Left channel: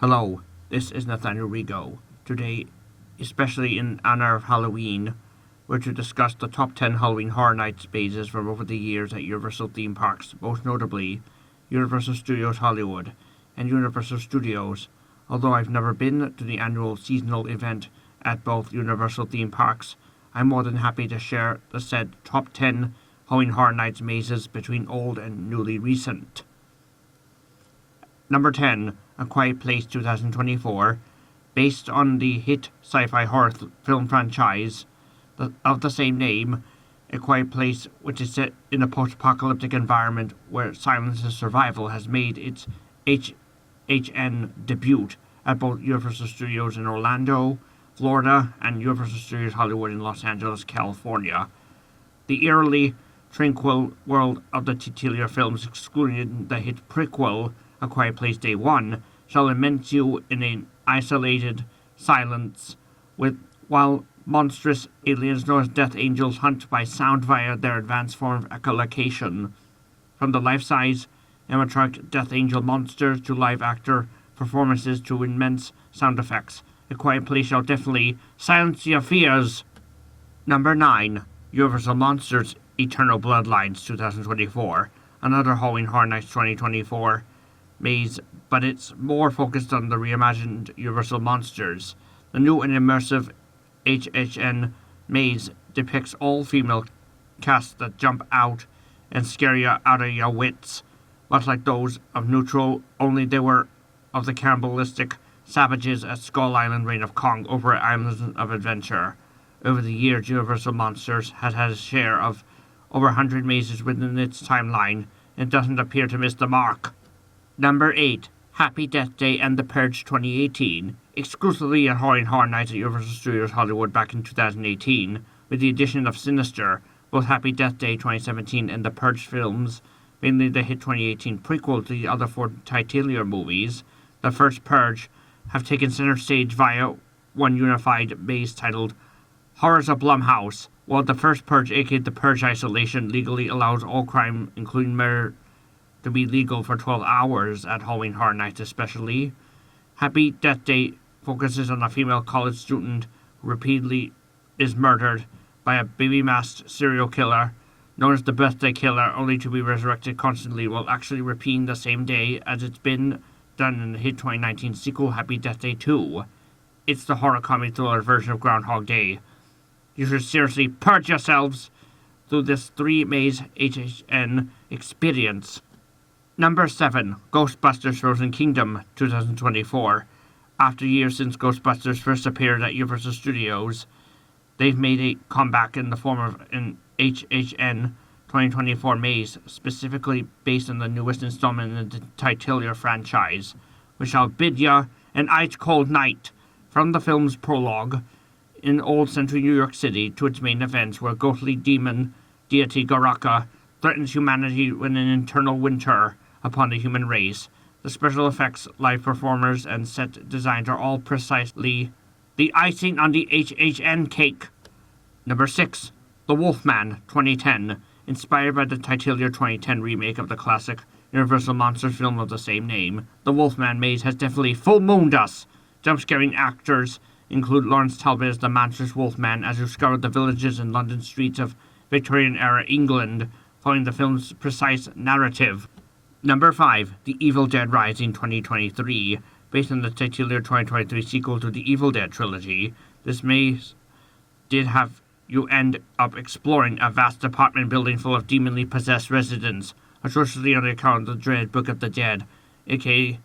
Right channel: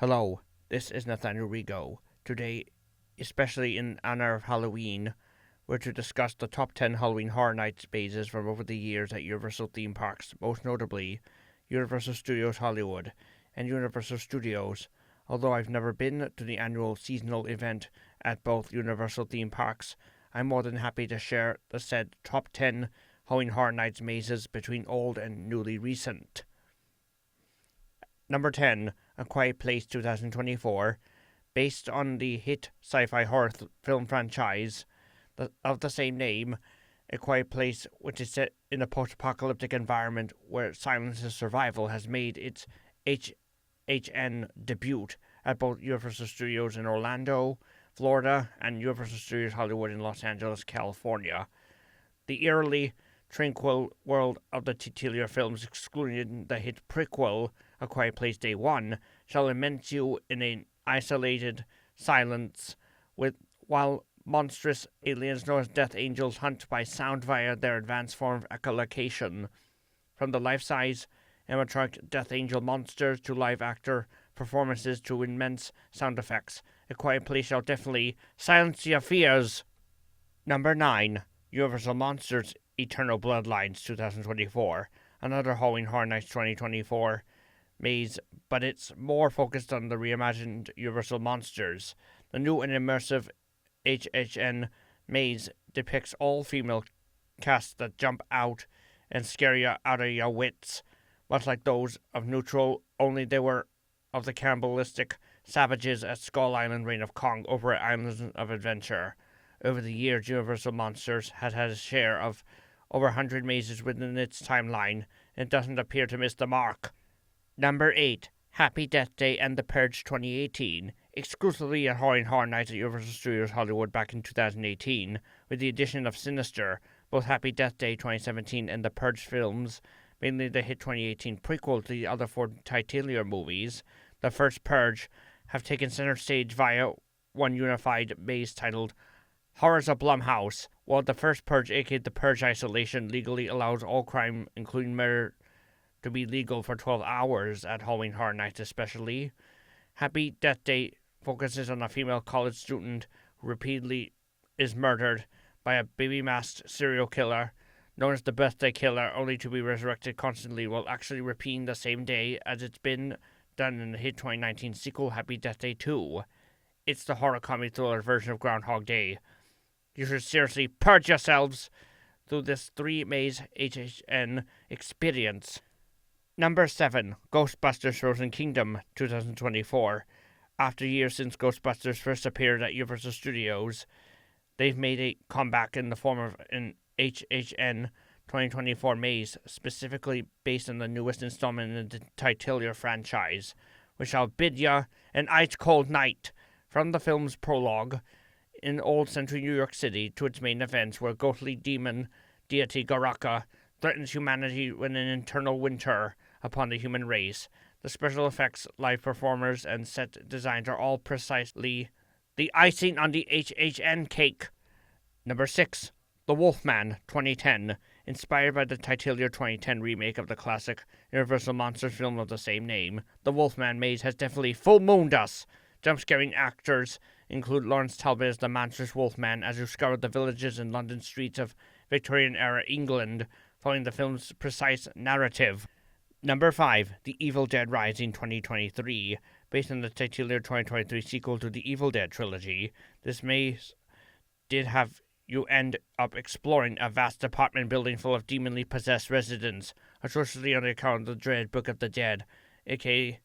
Hello, this is Nathaniel Rigo. Today, especially in honor of Halloween, we're to discuss the top 10 Halloween Horror Nights mazes from over the years at Universal theme parks, most notably Universal Studios Hollywood and Universal Studios. Although I've never been to the annual seasonal event at both Universal theme parks, I'm more than happy to share the said top 10 Halloween Horror Nights mazes between old and newly recent. Number 10, A Quiet Place 2024, based on the hit sci-fi horror film franchise of the same name. A Quiet Place, which is set in a post-apocalyptic environment where silence is survival, has made its HHN debut at both Universal Studios in Orlando, Florida, and Universal Studios Hollywood in Los Angeles, California. The eerily tranquil world of the titular films, excluding the hit prequel A Quiet Place Day 1, shall immerse you in an isolated silence while monstrous aliens known as Death Angels hunt by sound via their advanced form of echolocation. From the life-size animatronic Death Angel monsters to live-actor performances to immense sound effects, A Quiet Place shall definitely silence your fears. Number 9, Universal Monsters Eternal Bloodlines 2024, another Halloween Horror Nights 2024 maze, but it's more focused on the reimagined Universal Monsters. The new and immersive HHN maze depicts all-female casts that jump out and scare you out of your wits, much like those of Neutral, only they were of the cannibalistic savages at Skull Island Reign of Kong over at Islands of Adventure. Over the years, Universal Monsters has had a share of over 100 mazes within its timeline, and doesn't appear to miss the mark. Number 8, Happy Death Day and The Purge 2018, exclusively at Halloween Horror Nights at Universal Studios Hollywood back in 2018, with the addition of Sinister. Both Happy Death Day 2017 and The Purge films, mainly the hit 2018 prequel to the other four titular movies, the first Purge, have taken center stage via one unified maze titled Horrors of Blumhouse, while the first Purge, aka The Purge Isolation, legally allows all crime, including murder, to be legal for 12 hours at Halloween Horror Nights especially. Happy Death Day focuses on a female college student who repeatedly is murdered by a baby-masked serial killer known as the Birthday Killer, only to be resurrected constantly while actually repeating the same day as it's been done in the hit 2019 sequel Happy Death Day 2. It's the horror comedy thriller version of Groundhog Day. You should seriously purge yourselves through this 3-maze HHN experience. Number 7, Ghostbusters Frozen Kingdom 2024. After years since Ghostbusters first appeared at Universal Studios, they've made a comeback in the form of an HHN 2024 maze, specifically based on the newest installment in the titular franchise, which shall bid ya an ice-cold night from the film's prologue in old central New York City to its main events, where ghostly demon deity Garaka threatens humanity with an eternal winter upon the human race. The special effects, live performers, and set designs are all precisely the icing on the HHN cake. Number 6, The Wolfman 2010, inspired by the titular 2010 remake of the classic Universal Monsters film of the same name. The Wolfman maze has definitely full-mooned us. Jump-scaring actors include Lawrence Talbot as the monstrous Wolfman, as you scour the villages and London streets of Victorian-era England, following the film's precise narrative. Number 5, The Evil Dead Rising 2023, based on the titular 2023 sequel to the Evil Dead trilogy. This maze did have you end up exploring a vast apartment building full of demonly possessed residents, atrociously on account of the dreaded Book of the Dead, aka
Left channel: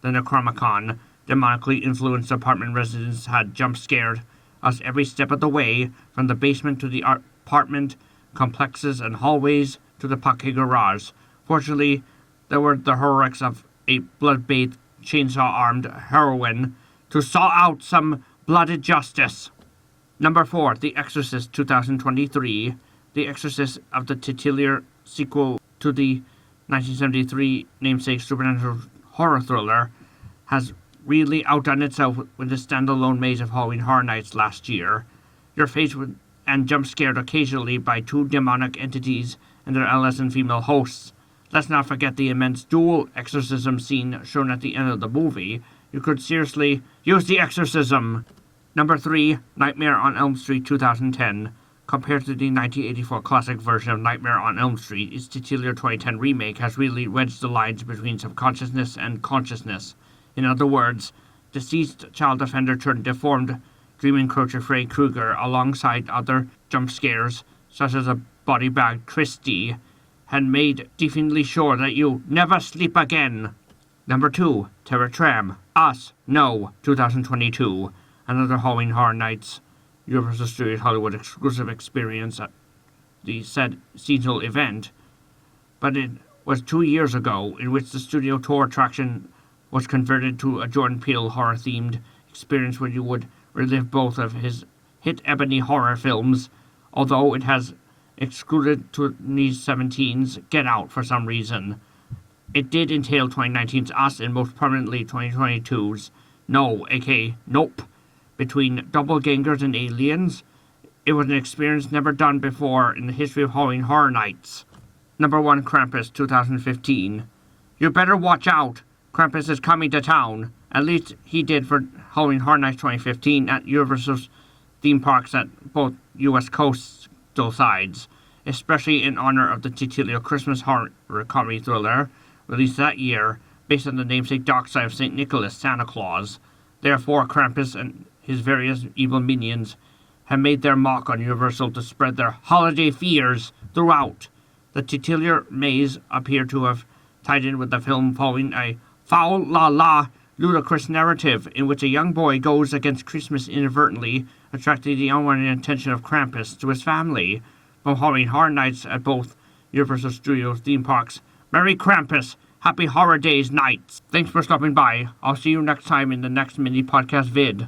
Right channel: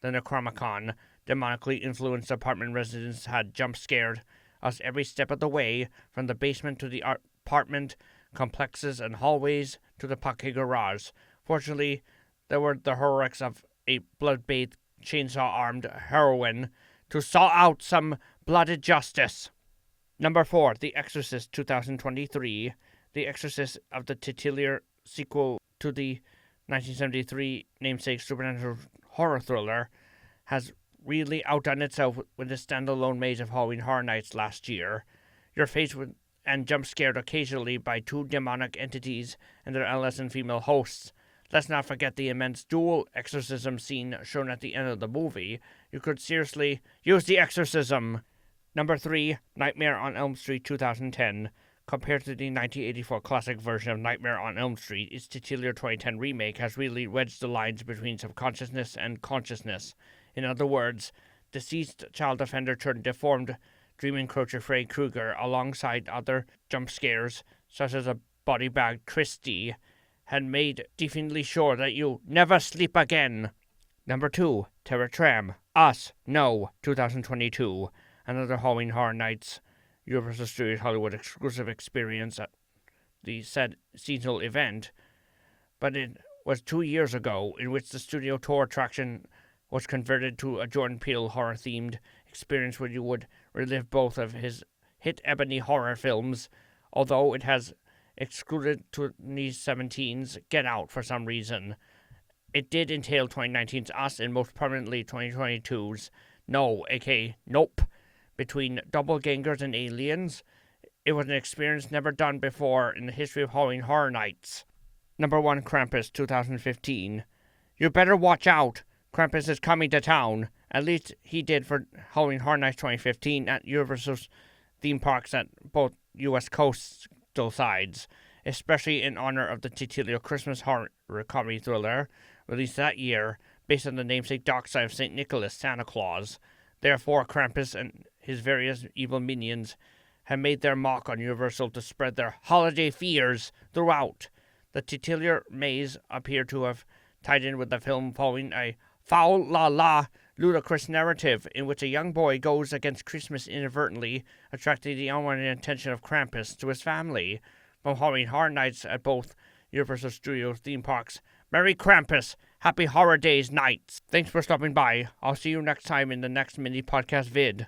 the Necronomicon. Demonically influenced apartment residents had jump-scared us every step of the way, from the basement to the apartment complexes and hallways to the pocket garage. Fortunately, there were the heroics of a blood-bathed, chainsaw-armed heroine to saw out some blooded justice. Number 4, The Exorcist 2023. The Exorcist of the titular sequel to the 1973 namesake supernatural horror thriller has really outdone itself with the standalone maze of Halloween Horror Nights last year. You're faced with and jump scared occasionally by two demonic entities and their adolescent female hosts, Let's not forget the immense dual exorcism scene shown at the end of the movie. You could seriously use the exorcism. Number 3, Nightmare on Elm Street 2010. Compared to the 1984 classic version of Nightmare on Elm Street, its titular 2010 remake has really wedged the lines between subconsciousness and consciousness. In other words, deceased child offender turned deformed dream encroacher Freddy Krueger, alongside other jump scares, such as a body bag Christie, had made definitely sure that you never sleep again. Number 2, Terror Tram. Us, No, 2022. Another Halloween Horror Nights Universal Studios Hollywood exclusive experience at the said seasonal event. But it was 2 years ago, in which the studio tour attraction was converted to a Jordan Peele horror-themed experience where you would relive both of his hit ebony horror films, although it has excluded 2017's Get Out for some reason. It did entail 2019's Us and most permanently 2022's No, aka Nope. Between doppelgangers and aliens, it was an experience never done before in the history of Halloween Horror Nights. Number 1, Krampus 2015. You better watch out. Krampus is coming to town. At least he did for Halloween Horror Nights 2015 at Universal's theme parks at both U.S. coastal sides, especially in honor of the titular Christmas horror comedy thriller released that year based on the namesake dark side of St. Nicholas, Santa Claus. Therefore, Krampus and his various evil minions have made their mark on Universal to spread their holiday fears throughout. The titular maze appear to have tied in with the film following a foul-la-la ludicrous narrative in which a young boy goes against Christmas inadvertently, attracting the unwanted attention of Krampus to his family. From Halloween Horror Nights at both Universal Studios theme parks, Merry Krampus! Happy Horror Days nights! Thanks for stopping by. I'll see you next time in the next mini podcast vid.